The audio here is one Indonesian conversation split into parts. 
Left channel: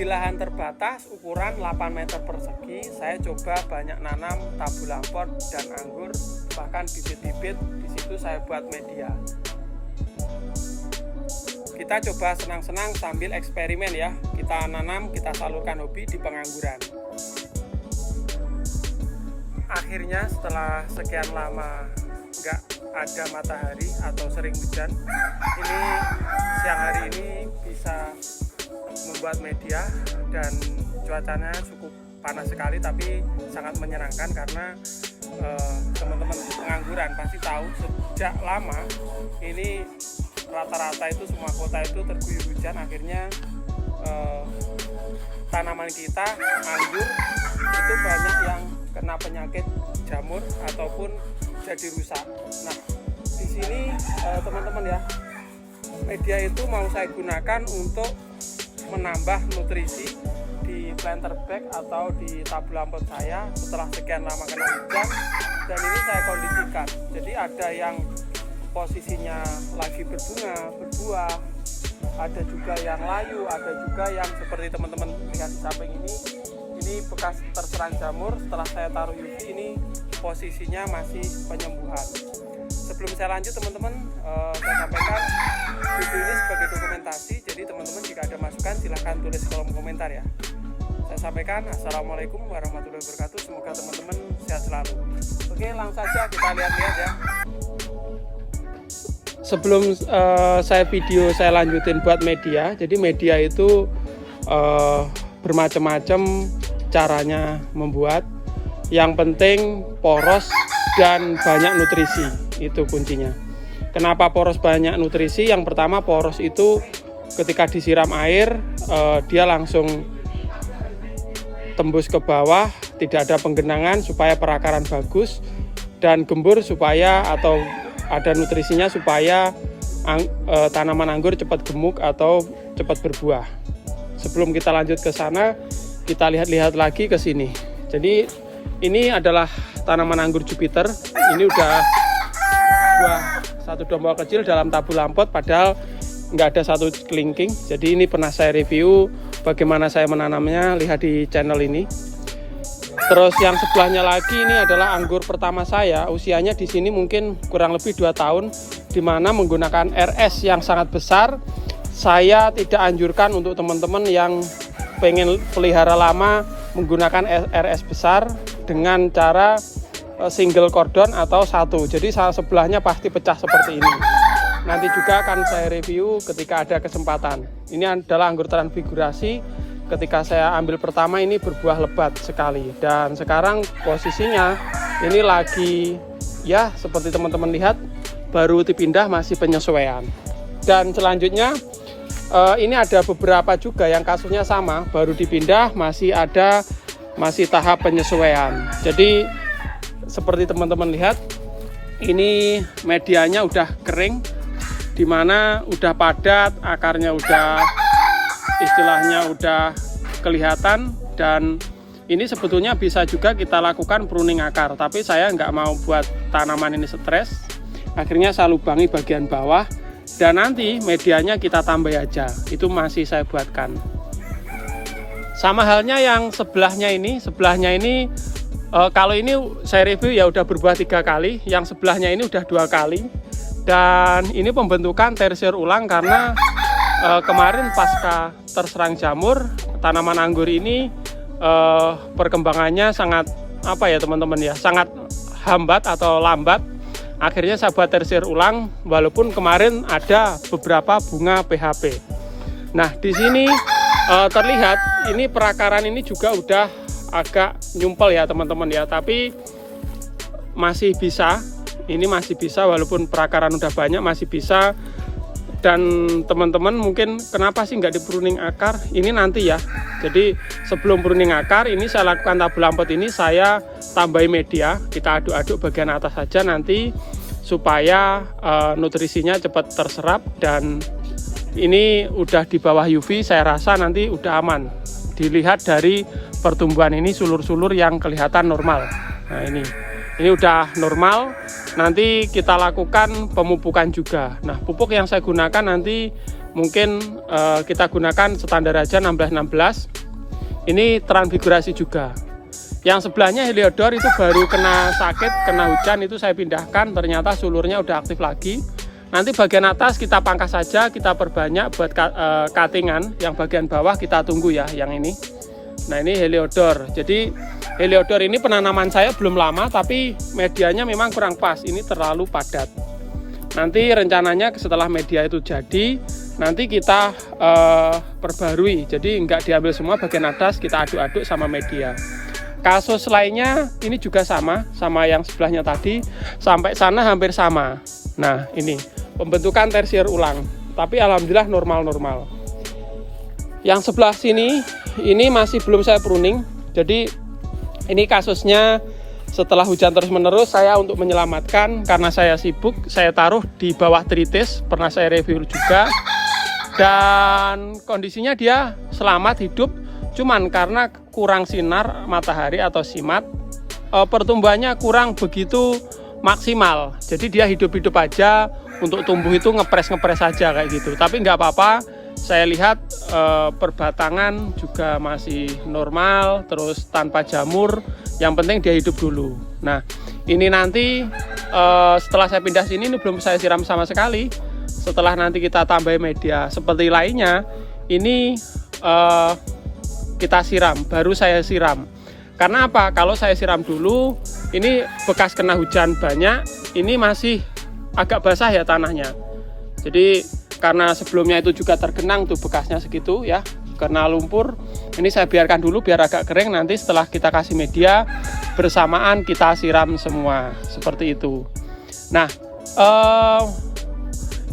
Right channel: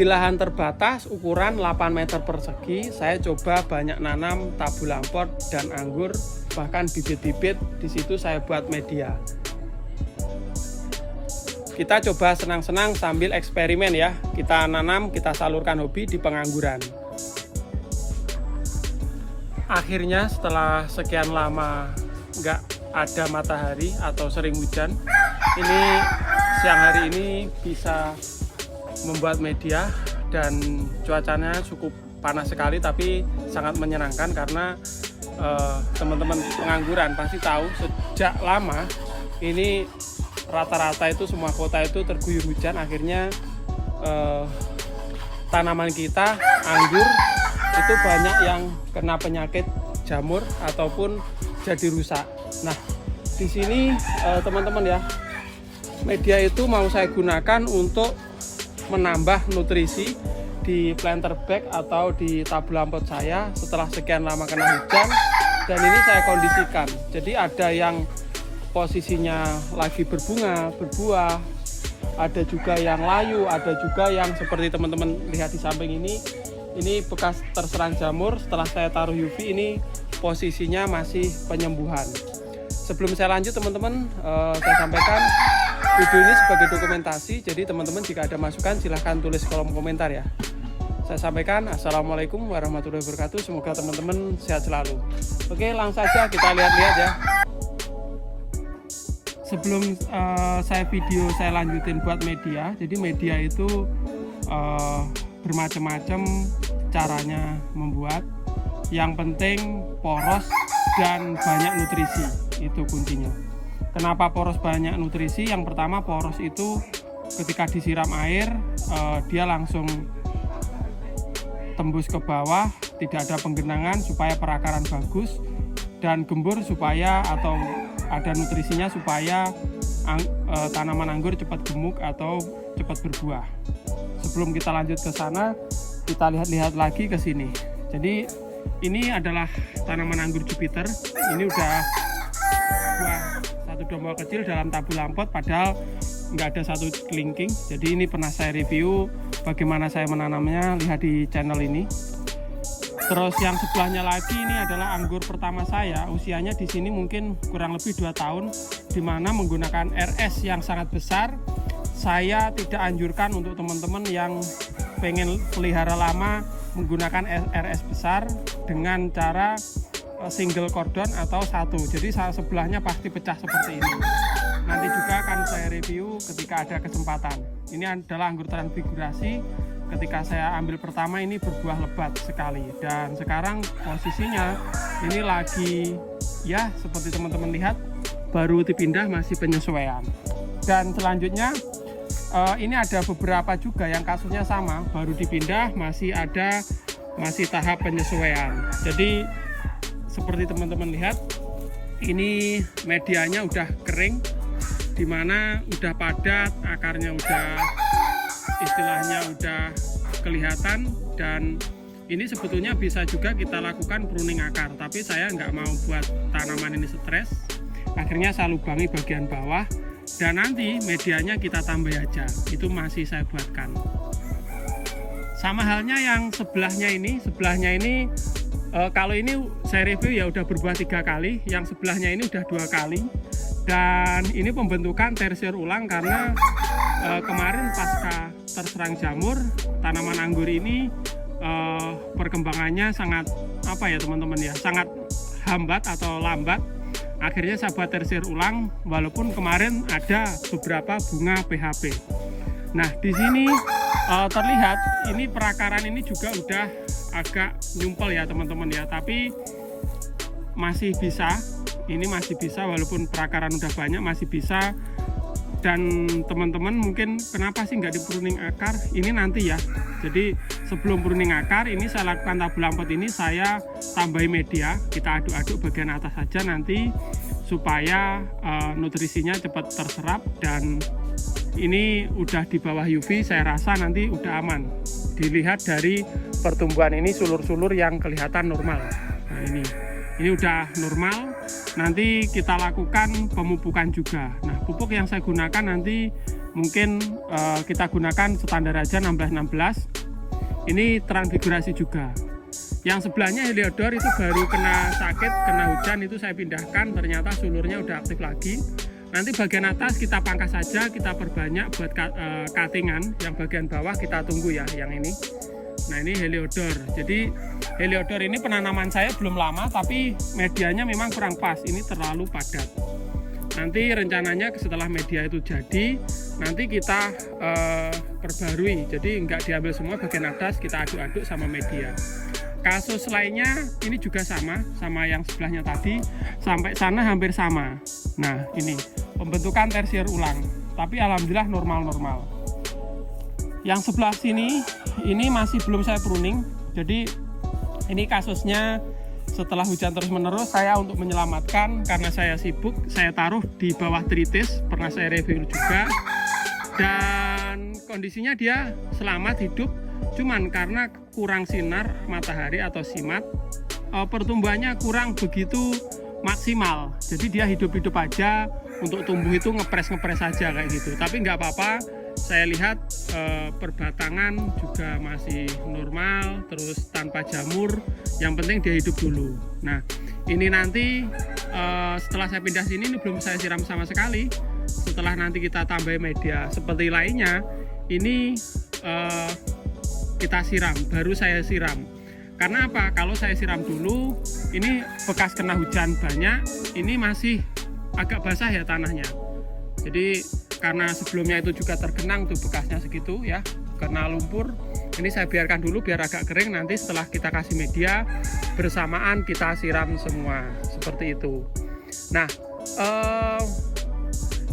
Di lahan terbatas ukuran 8 meter persegi, saya coba banyak nanam tabu lampot dan anggur, bahkan bibit-bibit di situ saya buat media. Kita coba senang-senang sambil eksperimen ya. Kita nanam, kita salurkan hobi di pengangguran. Akhirnya setelah sekian lama nggak ada matahari atau sering hujan, ini siang hari ini bisa membuat media dan cuacanya cukup panas sekali, tapi sangat menyenangkan karena teman-teman pengangguran pasti tahu sejak lama ini rata-rata itu semua kota itu terguyur hujan. Akhirnya tanaman kita anggur itu banyak yang kena penyakit jamur ataupun jadi rusak. Nah, di sini teman-teman ya, media itu mau saya gunakan untuk menambah nutrisi di planter bag atau di tabu lampot saya setelah sekian lama kena hujan, dan ini saya kondisikan. Jadi ada yang posisinya lagi berbunga, berbuah, ada juga yang layu, ada juga yang seperti teman-teman lihat di samping ini bekas terserang jamur. Setelah saya taruh UV, ini posisinya masih penyembuhan. Sebelum saya lanjut teman-teman, saya sampaikan video ini sebagai dokumentasi, jadi teman-teman jika ada masukan silahkan tulis kolom komentar ya. Saya sampaikan assalamualaikum warahmatullahi wabarakatuh, semoga teman-teman sehat selalu. Oke, langsung saja kita lihat-lihat ya. Sebelum saya lanjutin buat media, jadi media itu bermacam-macam caranya membuat. Yang penting poros dan banyak nutrisi, itu kuncinya. Kenapa poros banyak nutrisi? Yang pertama, poros itu ketika disiram air dia langsung tembus ke bawah, tidak ada penggenangan supaya perakaran bagus, dan gembur supaya atau ada nutrisinya supaya tanaman anggur cepat gemuk atau cepat berbuah. Sebelum kita lanjut ke sana, kita lihat-lihat lagi ke sini. Jadi ini adalah tanaman anggur Jupiter. Ini udah satu domba kecil dalam tabu lampot, padahal nggak ada satu kelingking. Jadi ini pernah saya review bagaimana saya menanamnya, lihat di channel ini. Terus yang sebelahnya lagi ini adalah anggur pertama saya, usianya di sini mungkin kurang lebih 2 tahun, dimana menggunakan RS yang sangat besar. Saya tidak anjurkan untuk teman-teman yang pengen pelihara lama menggunakan RS besar dengan cara single cordon atau satu. Jadi sebelahnya pasti pecah seperti ini. Nanti juga akan saya review ketika ada kesempatan. Ini adalah anggur transfigurasi. Ketika saya ambil pertama ini berbuah lebat sekali, dan sekarang posisinya ini lagi ya seperti teman-teman lihat baru dipindah, masih penyesuaian. Dan selanjutnya ini ada beberapa juga yang kasusnya sama, baru dipindah, masih tahap penyesuaian. Jadi seperti teman-teman lihat, ini medianya udah kering, dimana udah padat, akarnya udah istilahnya udah kelihatan, dan ini sebetulnya bisa juga kita lakukan pruning akar, tapi saya nggak mau buat tanaman ini stres. Akhirnya saya lubangi bagian bawah, dan nanti medianya kita tambah aja, itu masih saya buatkan. Sama halnya yang sebelahnya ini kalau ini saya review ya udah berbuah 3 kali, yang sebelahnya ini udah 2 kali, dan ini pembentukan tersier ulang karena kemarin pasca terserang jamur, tanaman anggur ini perkembangannya sangat teman-teman ya, sangat hambat atau lambat. Akhirnya saya buat tersier ulang, walaupun kemarin ada beberapa bunga PHP. Nah, di sini terlihat ini perakaran ini juga udah agak nyumpel ya teman-teman ya, tapi masih bisa. Ini masih bisa walaupun perakaran udah banyak, masih bisa. Dan teman-teman mungkin kenapa sih nggak di pruning akar? Ini nanti ya. Jadi sebelum pruning akar ini saya lakukan tabu lampot ini, saya tambahin media, kita aduk-aduk bagian atas saja nanti supaya nutrisinya cepat terserap. Dan ini udah di bawah UV, saya rasa nanti udah aman. Dilihat dari pertumbuhan ini sulur-sulur yang kelihatan normal. Nah ini udah normal. Nanti kita lakukan pemupukan juga. Nah, pupuk yang saya gunakan nanti mungkin kita gunakan standar aja 16-16. Ini transfigurasi juga. Yang sebelahnya Heliodor itu baru kena sakit, kena hujan, itu saya pindahkan, ternyata sulurnya udah aktif lagi. Nanti bagian atas kita pangkas saja, kita perbanyak buat cuttingan. Yang bagian bawah kita tunggu ya, yang ini. Nah ini Heliodor. Jadi Heliodor ini penanaman saya belum lama, tapi medianya memang kurang pas, ini terlalu padat. Nanti rencananya setelah media itu jadi, nanti kita perbarui. Jadi nggak diambil semua bagian atas, kita aduk-aduk sama media. Kasus lainnya ini juga sama yang sebelahnya tadi, sampai sana hampir sama. Nah ini pembentukan tersier ulang, tapi alhamdulillah normal-normal. Yang sebelah sini ini masih belum saya pruning, jadi ini kasusnya setelah hujan terus-menerus, saya untuk menyelamatkan, karena saya sibuk, saya taruh di bawah tritis, pernah saya review juga, dan kondisinya dia selamat hidup, cuman karena kurang sinar matahari atau simat, pertumbuhannya kurang begitu maksimal, jadi dia hidup-hidup aja, untuk tumbuh itu ngepres-ngepres aja kayak gitu, tapi nggak apa-apa. Saya lihat perbatangan juga masih normal, terus tanpa jamur, yang penting dia hidup dulu. Nah ini nanti setelah saya pindah sini, ini belum saya siram sama sekali. Setelah nanti kita tambah media seperti lainnya, ini kita siram, baru saya siram. Karena apa? Kalau saya siram dulu, ini bekas kena hujan banyak, ini masih agak basah ya tanahnya. Jadi karena sebelumnya itu juga tergenang tuh bekasnya segitu ya, kena lumpur. Ini saya biarkan dulu biar agak kering, nanti setelah kita kasih media bersamaan kita siram semua seperti itu. Nah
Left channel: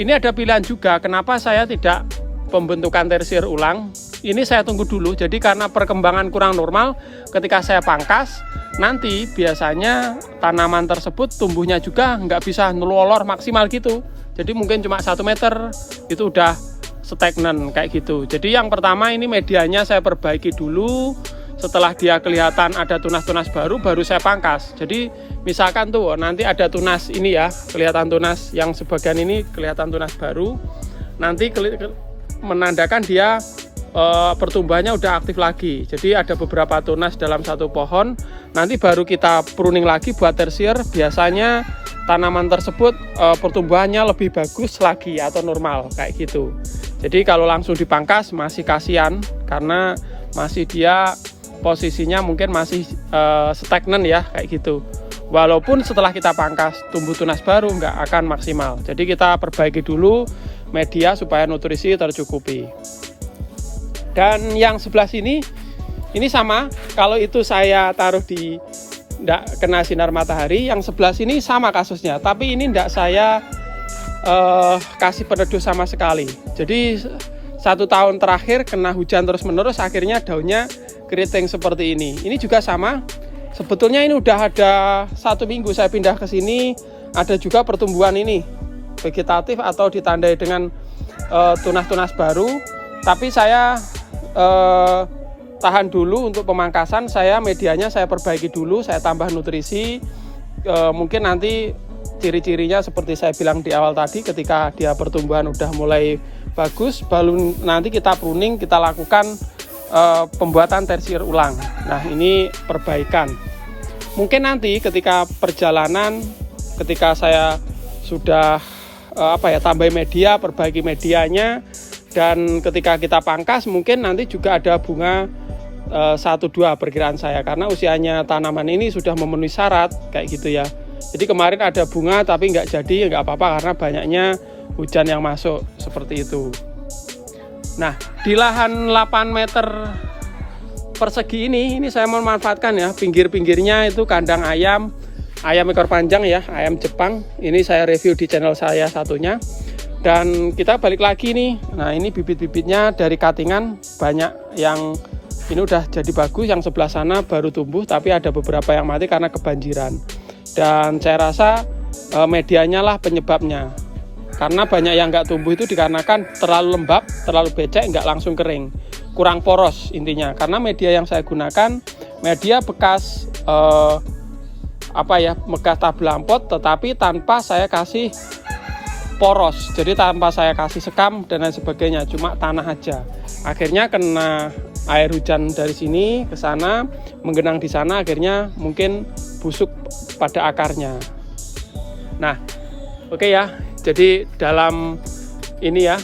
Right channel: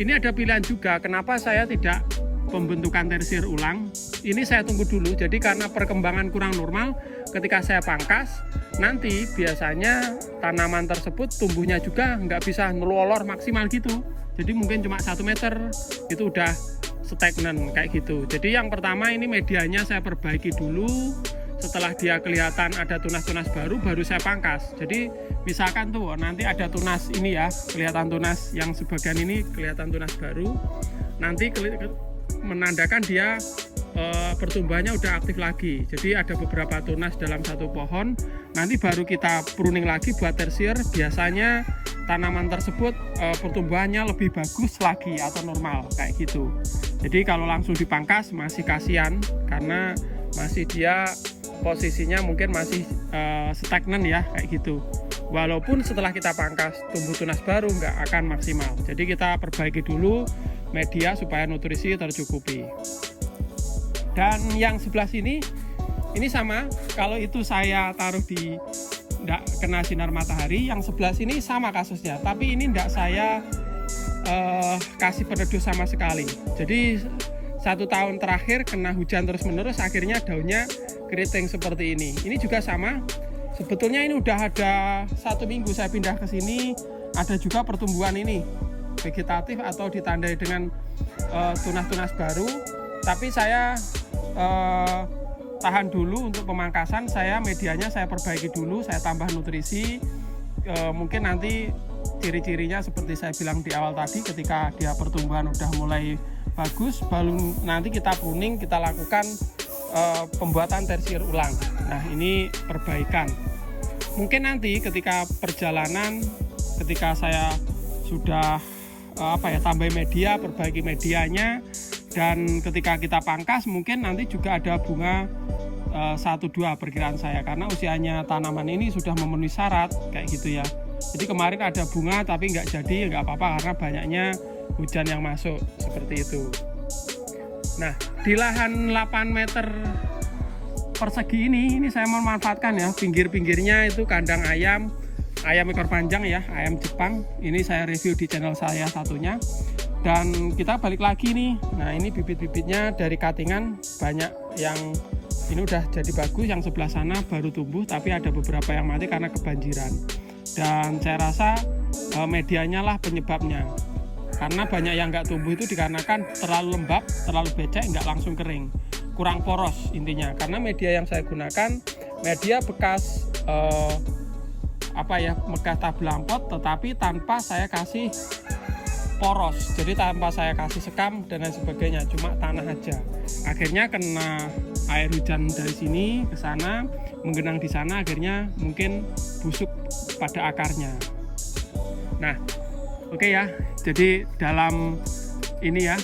ini ada pilihan juga, kenapa saya tidak pembentukan tersier ulang. Ini saya tunggu dulu, jadi karena perkembangan kurang normal, ketika saya pangkas nanti biasanya tanaman tersebut tumbuhnya juga nggak bisa ngelolor maksimal gitu. Jadi mungkin cuma 1 meter itu udah stagnan kayak gitu. Jadi yang pertama ini medianya saya perbaiki dulu. Setelah dia kelihatan ada tunas-tunas baru saya pangkas. Jadi misalkan tuh nanti ada tunas ini ya, kelihatan tunas yang sebagian ini kelihatan tunas baru. Nanti menandakan dia pertumbuhannya udah aktif lagi. Jadi ada beberapa tunas dalam satu pohon. Nanti baru kita pruning lagi buat tersier. Biasanya tanaman tersebut pertumbuhannya lebih bagus lagi atau normal kayak gitu. Jadi kalau langsung dipangkas masih kasihan, karena masih dia posisinya mungkin masih stagnan ya kayak gitu. Walaupun setelah kita pangkas tumbuh tunas baru nggak akan maksimal. Jadi kita perbaiki dulu media supaya nutrisi tercukupi. Dan yang sebelah sini ini sama, kalau itu saya taruh di tidak kena sinar matahari, yang sebelah sini sama kasusnya, tapi ini tidak saya kasih peneduh sama sekali. Jadi 1 tahun terakhir kena hujan terus menerus, akhirnya daunnya keriting seperti ini. Ini juga sama, sebetulnya ini udah ada 1 minggu saya pindah ke sini, ada juga pertumbuhan ini vegetatif atau ditandai dengan tunas-tunas baru, tapi saya tahan dulu untuk pemangkasan. Saya medianya saya perbaiki dulu, saya tambah nutrisi. Mungkin nanti ciri-cirinya seperti saya bilang di awal tadi, ketika dia pertumbuhan udah mulai bagus, baru nanti kita pruning, kita lakukan pembuatan tersier ulang. Nah ini perbaikan. Mungkin nanti ketika perjalanan, ketika saya sudah tambah media, perbaiki medianya, dan ketika kita pangkas mungkin nanti juga ada bunga 1-2 perkiraan saya, karena usianya tanaman ini sudah memenuhi syarat kayak gitu ya. Jadi kemarin ada bunga tapi nggak jadi, nggak apa-apa karena banyaknya hujan yang masuk seperti itu. Nah di lahan 8 meter persegi ini saya memanfaatkan ya, pinggir-pinggirnya itu kandang ayam ekor panjang ya, ayam Jepang. Ini saya review di channel saya satunya. Dan kita balik lagi nih, nah ini bibit-bibitnya dari cuttingan banyak yang ini udah jadi bagus, yang sebelah sana baru tumbuh tapi ada beberapa yang mati karena kebanjiran. Dan saya rasa medianya lah penyebabnya, karena banyak yang nggak tumbuh itu dikarenakan terlalu lembab, terlalu becek, nggak langsung kering, kurang poros intinya. Karena media yang saya gunakan media bekas bekas tablampot, tetapi tanpa saya kasih poros, jadi tanpa saya kasih sekam dan lain sebagainya, cuma tanah aja. Akhirnya kena air hujan dari sini ke sana, menggenang di sana, akhirnya mungkin busuk pada akarnya. Nah, oke ya, jadi dalam ini ya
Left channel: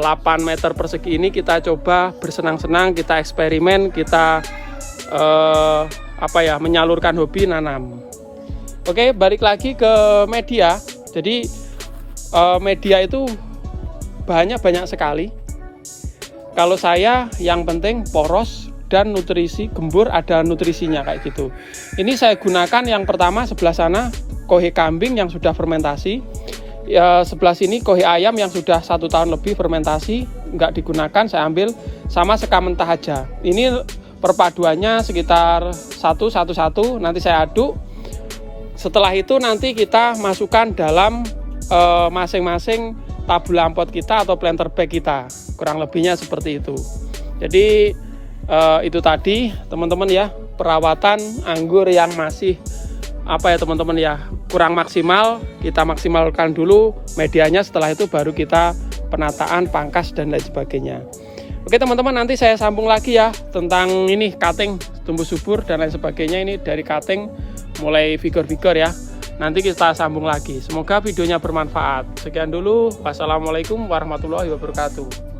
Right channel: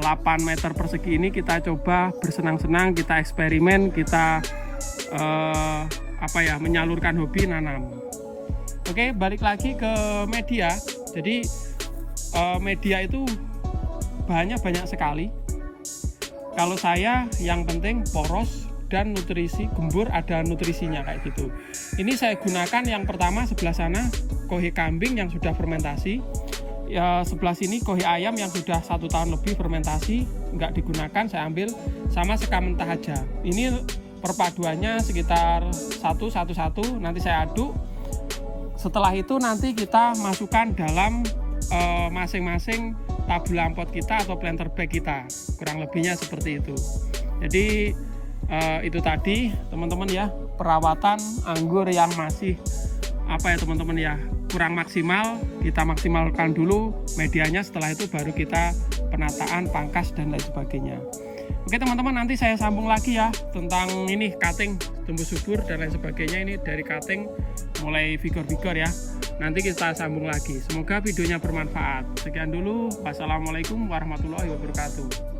8 meter persegi ini kita coba bersenang-senang, kita eksperimen, kita menyalurkan hobi nanam. Oke, balik lagi ke media. Jadi media itu bahannya banyak sekali. Kalau saya yang penting poros dan nutrisi, gembur ada nutrisinya kayak gitu. Ini saya gunakan yang pertama sebelah sana kohe kambing yang sudah fermentasi. Ya, sebelah sini kohe ayam yang sudah 1 tahun lebih fermentasi, nggak digunakan, saya ambil sama sekam mentah aja. Ini perpaduannya sekitar 1-1-1, nanti saya aduk. Setelah itu nanti kita masukkan dalam masing-masing tabula ampot kita atau planter bag kita, kurang lebihnya seperti itu. Jadi itu tadi teman-teman ya, perawatan anggur yang masih teman-teman ya, kurang maksimal, kita maksimalkan dulu medianya, setelah itu baru kita penataan, pangkas dan lain sebagainya. Oke teman-teman, nanti saya sambung lagi ya tentang ini cutting tumbuh subur dan lain sebagainya, ini dari cutting mulai figur-figur ya. Nanti kita sambung lagi. Semoga videonya bermanfaat. Sekian dulu. Wassalamualaikum warahmatullahi wabarakatuh.